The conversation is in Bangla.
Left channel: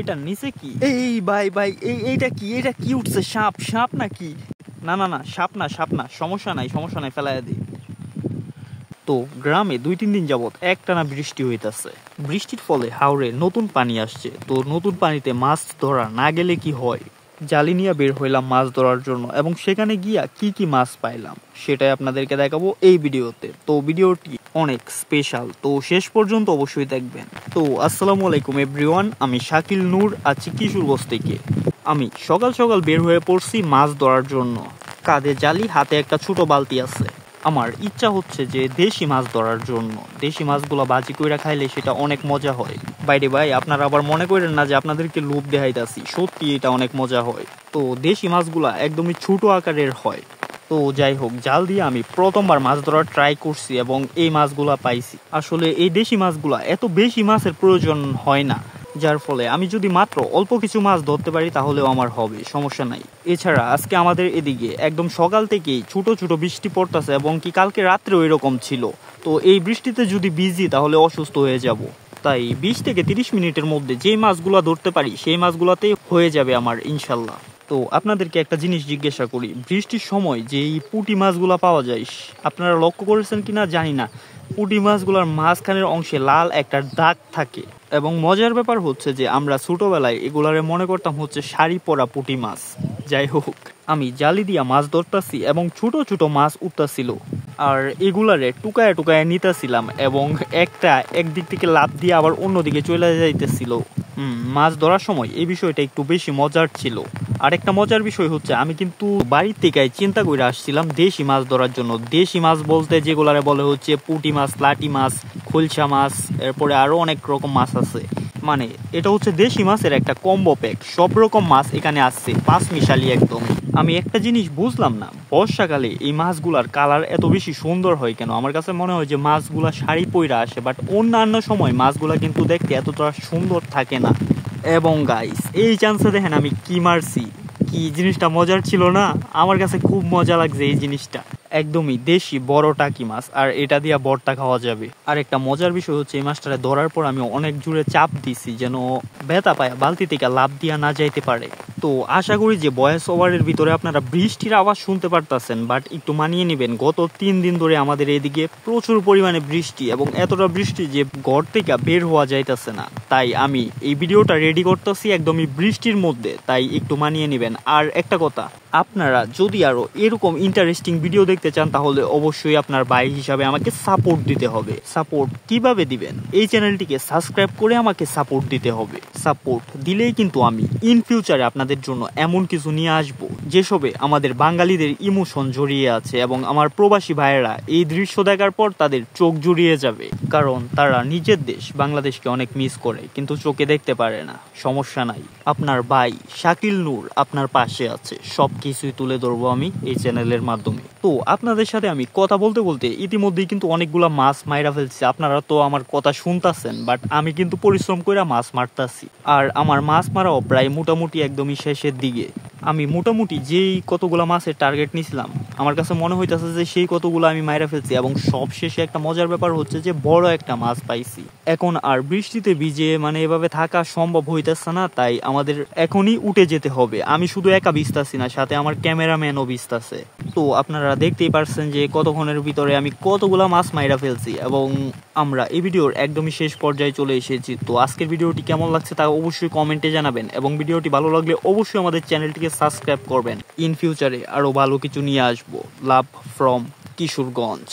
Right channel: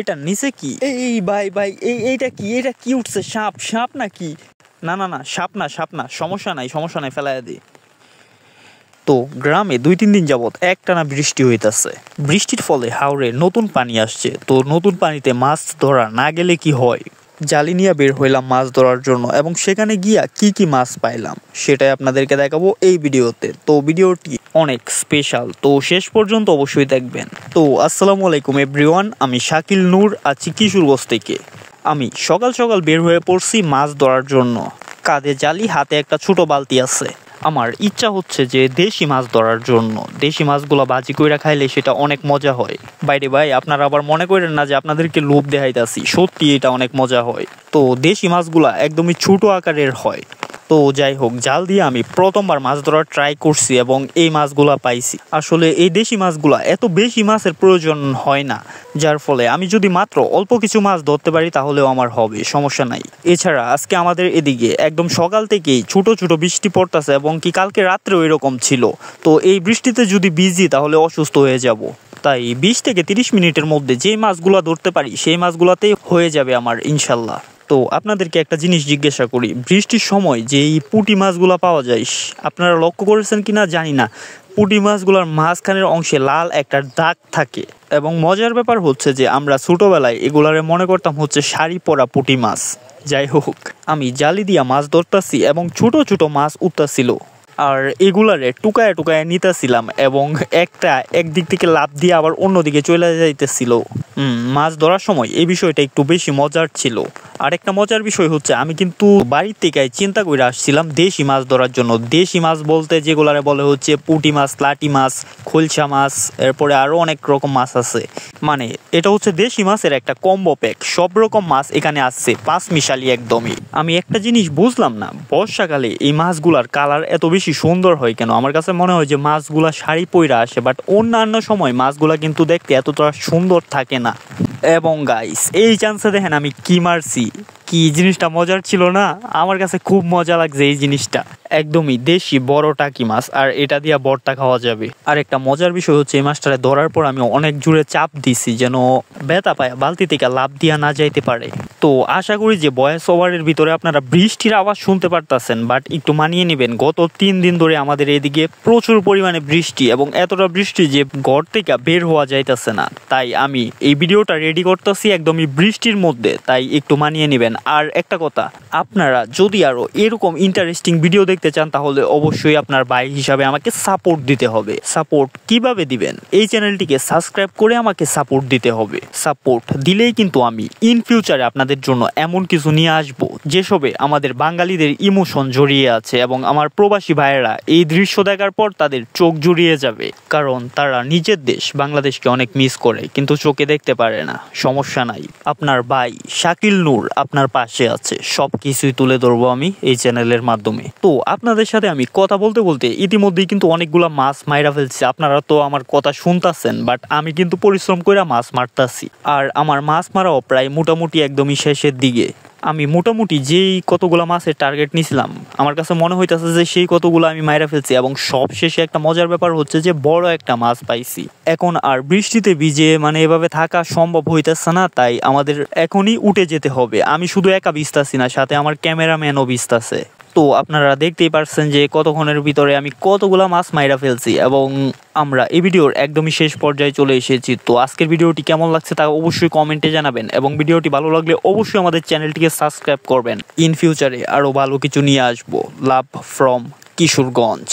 এটা নিচে কি? এই ভাই ভাই এইটা কি? এটা কি উঠছে? সাপ? সাপ নাকি? না না না, সাপ না, সাপ না, সমস্যা নাই, সমস্যা নাই, ফেলাইয়া দে। তো গ্রামে 2-3 দিন যাবৎ একটানা বৃষ্টি হইতাছে। বৃষ্টির ফলে হাওরে নতুন পানি আসছে। তো নতুন পানিতে মাছ ধরা না গেলে কি হয়? জালি নিয়ে বের হইলাম মাছ ধরার জন্য, এবং সেখানে গিয়া কি কি মাছ পাইলাম সেটাই আপনাদেরকে দেখাবো এই ভিডিওতে। তো ভিডিওটি অনেক স্পেশাল, তো শেষ পর্যন্ত অবশ্যই দেখবেন। তো আসসালামু আলাইকুম এভরিওয়ান, আমি শাকিল নূর, আছি কিশোরগঞ্জ থেকে। আমি সকাল সকাল বের হয়ে পড়ছি মাছ ধরার জন্য। কাঁধে জালি, হাতে একটা ছোট বালতি আছে। আমার ইচ্ছা হচ্ছে যে দেশি মাছ ধরার জন্য। দেশি মাছগুলো ভাজি কইরা খাইলে সেটা অনেক মজা হয়। বাইরে ভাই, আপনারা আবার মনে করেন না যে আপনাদেরকে লোভ দেখাইতাছি, সত্যি এটা অনেক মজা হয়। তো দেশি মাছগুলা একদমই ছোট আকারের হয়। তো যাই হোক, জাল দিয়ে আমি প্রথমবার মাছ ধরার ট্রাই করছি এবং এই মাছগুলা পাইছি। আসলে এই দেশি মাছগুলা এত বেশি মাছের প্রয়োজন হয় না, যার ফলে আমি যদি মাত্র অল্প কিছু মাছ ধরতে পারি তাহলেও আমার হবে, সমস্যা নাই। এছাড়া আজকে আমাদের এদিকে একদম সকাল থেকেই ছোট ছোট বৃষ্টি পড়তেছে, এবং কি কালকে রাত্রেও এরকম ছিল। তো এই বৃষ্টিতে যদি ভিজি তাহলে অসুস্থ হয়ে যাব। তাই 20 থেকে 30 মিনিটের মধ্যে যে মাছগুলা ধরতে পারি সেই মাছগুলাতেই হয়ে যাবে আমার, ইনশাল্লাহ। তো আপনাদেরকে একটা জিনিস জিজ্ঞাসা করি, বৃষ্টির সময় যে এই পুঁটি মাছগুলো পাওয়া যায়, আপনারা লক্ষ্য করেছেন কিনা জানি না, পুঁটি মাছগুলোর মাঝখানের অংশে লাল একটা দাগ থাকে। এবং মজার ব্যাপার হচ্ছে যে আমরা ছোটবেলায় এগুলারে মনে করতাম হচ্ছে শাড়ি পরা পুঁটি মাছ। যাই হোক, আমি জালি দিয়া মাছ ধরতাছি এবং ছোট ছোট মাছ উঠতাছিল, আর এগুলারে টুকায় টুকায় নিতেছিলাম, এবং একটা একদিক থেকে লাফ দিয়ে আবার অন্যদিকে চলে যাইতেছিল। মাছ ধরার সময় এই বিষয়টা একটু বেশি মজার ছিল। আরেকটা মজার বিষয় হচ্ছে, আমি কিন্তু বাড়ির থেকে চিন্তা করে আসছিলাম দেশি মাছ ধরার জন্য। দেশি মাছ বলতে যেগুলারে বলে হচ্ছে পুঁটি মাছ, লাটি মাছ, খোলসা মাছ, এরপরে আরো অনেক রকম মাছ আছে। মানে এটা হচ্ছে দেশি মাছের একটা কম্বো প্যাক, সব রকম মাছ এখানে আসছে, 5 মিশালি একদমই। আমি একটা জিনিস বুঝলাম না, বর্ষাকালে এই মাছগুলার কালার এত বেশি সুন্দর হয় কেন? আমার কাছে মনে হয় যে মাছগুলা শাড়ি পইরা আসে, বাট অন্যান্য সময় মাছগুলা কিন্তু দেখতে এতটা সুন্দর থাকে না। এবং গাইস, এই চান্সে দেখেন আমি কি মারছি, কি জিনিসটা মজার ছিল না? আমার কাছে খুব মজা লাগছে এই জিনিসটা। একদমই দেশি বড় টাকি মাছ, আর এটা দিয়ে ভর্তা খাওয়া যাবে। আর একটা মজার বিষয় হচ্ছে, এই মাছটা ধরার পর আমি অনেক জোরে চাপ দিছি যেন ব্যথা পায় বালতি থেকে লাভ দিয়া না যাইতে পারে। তো আশা করি যে ভয়েস ওভারের ভিতরে আপনারা বৃষ্টির আওয়াজ শুনতে পারতেছেন, বাট একটু মানিয়ে নেবেন। গত 3 দিন ধরে আমাদের এদিকে প্রচুর পরিমাণে বৃষ্টি, এবং এতটা বৃষ্টি যে ঘর থেকে বের হওয়া যাইতেছে না। তাই আমি এই ভিডিওটা রেডি করতেছি একদমই বৃষ্টির মধ্যে, তাই একটু মানিয়ে নেবেন। আর একটা কথা, আপনারা যদি আরো এরকম ইন্টারেস্টিং ভিডিও দেখতে চান তাহলে অবশ্যই আপনার ভাই হিসাবে আমাকে সাপোর্ট দিতে হবে। সাপোর্ট কিভাবে দিবেন? এই চ্যানেলটিকে সাবস্ক্রাইব করে আমাকে সাপোর্ট দিতে হবে। সাপোর্ট দিলেই কিন্তু আমি ইন ফিউচারে আপনাদের জন্য এমন কিছু নিয়ে আসবো যেসবে আমাদের বাঙালিদের ইমোশন জড়িয়ে আছে, এবং আমার প্রবাসী ভাইয়েরা এই দৃশ্য দেখার পর তাদের চোখ জুড়িয়ে যাবে, কারণ তারা নিজের দেশ বাংলাদেশকে অনেক মিস করে কিন্তু চোখে দেখতে পারে না। সমস্যা নাই, আপনার ভাই শাকিল নূর আপনার পাশে আছে, সব কিছুই তুলে ধরবো আমি এই চ্যানেলের মাধ্যমে। তো আপনাদের সাথে আমি কথা বলতে বলতে ইতিমধ্যেই কিন্তু অনেকগুলা মাছ মাইরা ফেলছি। আপনারা তো আমার কথা শুনতাছেন, বাট আমি কিন্তু পরিশ্রম করে মাছ মারতাছি, আর আমার মাছ মারাও প্রায় মোটামুটি একদমই শেষের দিকে। আমি মোটামুটি যেই কতগুলা মাছের টার্গেট নিছিলাম, আমার কাছে মনে হইতেছে যে সেই কতগুলো আমি মাইরা ফেলছি, এবং সব শেষে একটা মজার ব্যাপার হচ্ছে যে বড় একটা মাছ পাইছি। এখন আর বৃষ্টিতে ভিজে মানে এভাবে থাকা সম্ভব হইতেছে না, তাই আমাদের এখনই উঠে যেতে হবে। আমি শুধু একা ভিজতাছি না, সাথে আমার ক্যামেরাম্যানও ভিজতাছে। তো আপনারা দেখতেই পারছেন যে কতক্ষণের ভিতরে আমি কতগুলা মাছ মাইরা ফেলছি, এবং আমরা এই ভিডিওর একদমই শেষ পর্যায়ে চলে এসেছি। তো আজকের ভিডিওটি কেমন লাগছে তা অবশ্যই কমেন্টে জানাবেন, এবং ভিডিওটি ভালো লাগলে অবশ্যই আমাদের চ্যানেলটিকে সাবস্ক্রাইব করবেন। ইন ফিউচারে আরো ভালো কিছু নিয়ে আসবো। Love from Kishoreganj.